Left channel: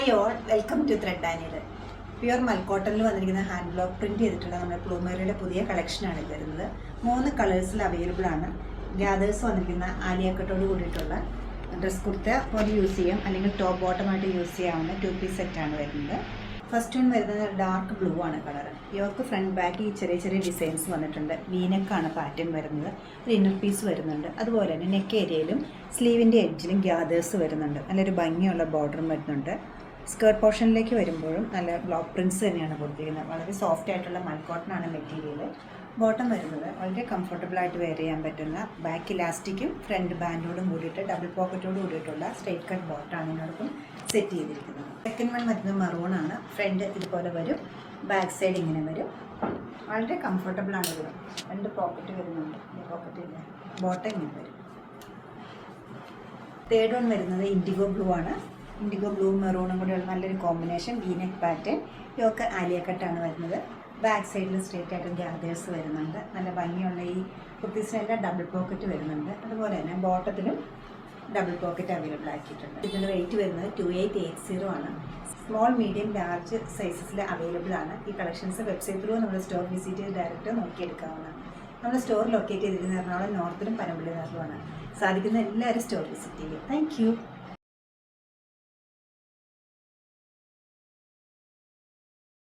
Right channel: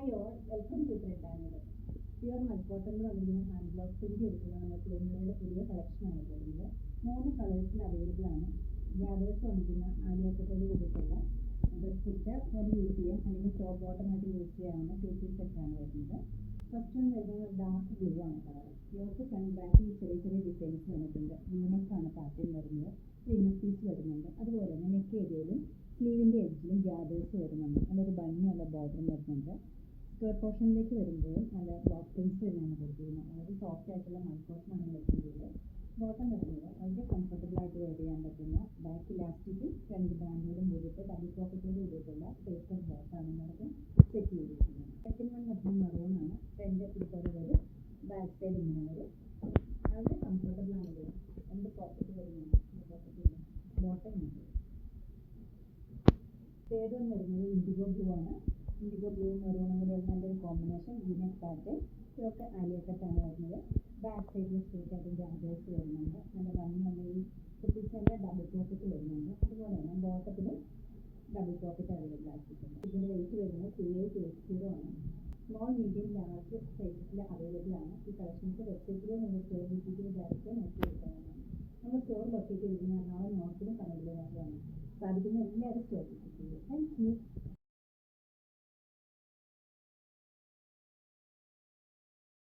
Hi all, welcome to thread ആനിൽ. Pure മൽക്കോട്ടണിൽ വന്നിരിക്കുന്ന ഹാൻഡ് ബ്ലോക്ക് പ്രിൻറ്റ് ചെയ്തിട്ടുള്ള നമ്മുടെ പ്ലൂമേറിയുടെ പുതിയ കളക്ഷനാണ് വരുന്നത്. 3 കളേഴ്സിൽ അവൈലബിൾ ആണ്. ഗ്യാദേഴ്സ് വന്നിരിക്കുന്ന ആലിയാക്കട്ടോട് കൂടിയിട്ടുള്ള ഡ്രസ് കുർത്ത പോലെ യൂസ് ചെയ്യാം, അല്ലെങ്കിൽ ടോപ്പ് ബോട്ടമായിട്ട് യൂസ് ചെയ്യാവുന്ന 2 പീസ് സെറ്റാണ് വരുന്നത്. ഫസ്റ്റ് വൺ വരുന്നത് ഡാർക്ക് ബ്ലൂ ആണ് കളർ. ഇവർക്ക് ഫ്രണ്ട് ബാക്ക് ഈ ചെറിയ ചെറിയ ഡിസൈൻസ് വന്നിട്ടുണ്ട്. വീനെക്കാണ് പാറ്റേൺ വരുന്നത്. ഒരു ഇന്നർ പീസ് വരുന്നുണ്ട്. അതുപോലെ തന്നെ നെക്ക് ഏരിയയിലും സ്ലീവിൻ്റെ എഡ്ജിലും ഗ്യാദേഴ്സ് വരുന്നുണ്ട്. നല്ലൊരു ഭംഗിയുള്ള ബോർഡറും വരുന്നുണ്ട്. സ്കേർട്ട് പോർഷനിലേക്ക് വരുമ്പോഴും നല്ല ബ്ലോക്ക് പ്രിൻറ്റ്സ് തന്നെയാണ് കൊടുത്തിരിക്കുന്നത്. വളരെ സോഫ്റ്റ് ആയിട്ടുള്ള മൽക്കോട്ടൺ ആണ് മെറ്റീരിയൽ. ബോട്ടം വരുന്നത് വളരെ കംഫർട്ടബിളായിട്ട് വെയർ ചെയ്യാൻ പറ്റുന്ന ബാക്ക് ഇലാസ്റ്റിക്കും ഫ്രണ്ട് ബാൻഡോടും കൂടിയിട്ട് ഡബിൾ പോക്കറ്റോട് കൂടിയിട്ടുള്ള സ്ട്രെയിറ്റ് കട്ട് ബോട്ടാണ് ഇതിനോടൊപ്പം സെറ്റ് ചെയ്തിരിക്കുന്നത്. സെക്കൻഡ് വൺ വരുന്നത് മറൂൺ ആണ്. ഫ്രണ്ട് ഇതുപോലെ വരും, ബാക്ക് സൈഡ് ഇങ്ങനെ വരും. വളരെ കംഫർട്ടബിളാണ് ഇത്. 2 പോക്കറ്റ് വരുന്നുണ്ട്, പോക്കറ്റ് ഇല്ല. ബോട്ടം ഇങ്ങനെ വരും. തേർഡ് വൺ വരുന്നത് ഇൻഡിഗോ ബ്ലൂ ആണ്. ഇൻഡിഗോ ബ്ലൂ മെറൂണും കൂടെയുള്ള നല്ലൊരു കോമ്പിനേഷൻ. V-neck pattern. ഇതൊക്കെ ആലിയക്കട്ടാണ് വരുന്നത്. ബാക്ക് സൈഡിൽ സ്ട്രേറ്റ് ആയിട്ട് ഗ്യാദേഴ്സ് വരുന്നുണ്ട്. നല്ല ഭംഗിയുള്ള ഈ കുർത്തീസിനെല്ലാം ഡബിൾ പോക്കറ്റ് വരുന്നുണ്ട്. അതുപോലെ തന്നെ ബോട്ടത്തിലും ഡബിൾ പോക്കറ്റ് അവൈലബിൾ ആക്കിയിട്ടുണ്ട്. ഇതിൻ്റെ റേറ്റ് വരുന്നത് 2880 ആണ്. സ്മോൾ, മീഡിയം, ലാർജ് സൈസസിൽ അവൈലബിൾ ആണ്. ഈ കളക്ഷൻസ് വെബ്സൈറ്റ് ത്രൂ നമ്മുടെ സ്റ്റോർ വിസിറ്റ് ചെയ്ത് ഡയറക്റ്റ് നോക്കിയെടുക്കാവുന്നതാണ്. നമ്മുടെ സ്റ്റോർ ലൊക്കേറ്റ് ചെയ്തിരിക്കുന്ന എറണാകുളം നോർത്തിലും പനമ്പള്ളി നഗറിലുമാണ്. സാധിക്കുന്ന എല്ലാവരും സ്റ്റോർ വിസിറ്റ് ചെയ്യുക. താങ്ക്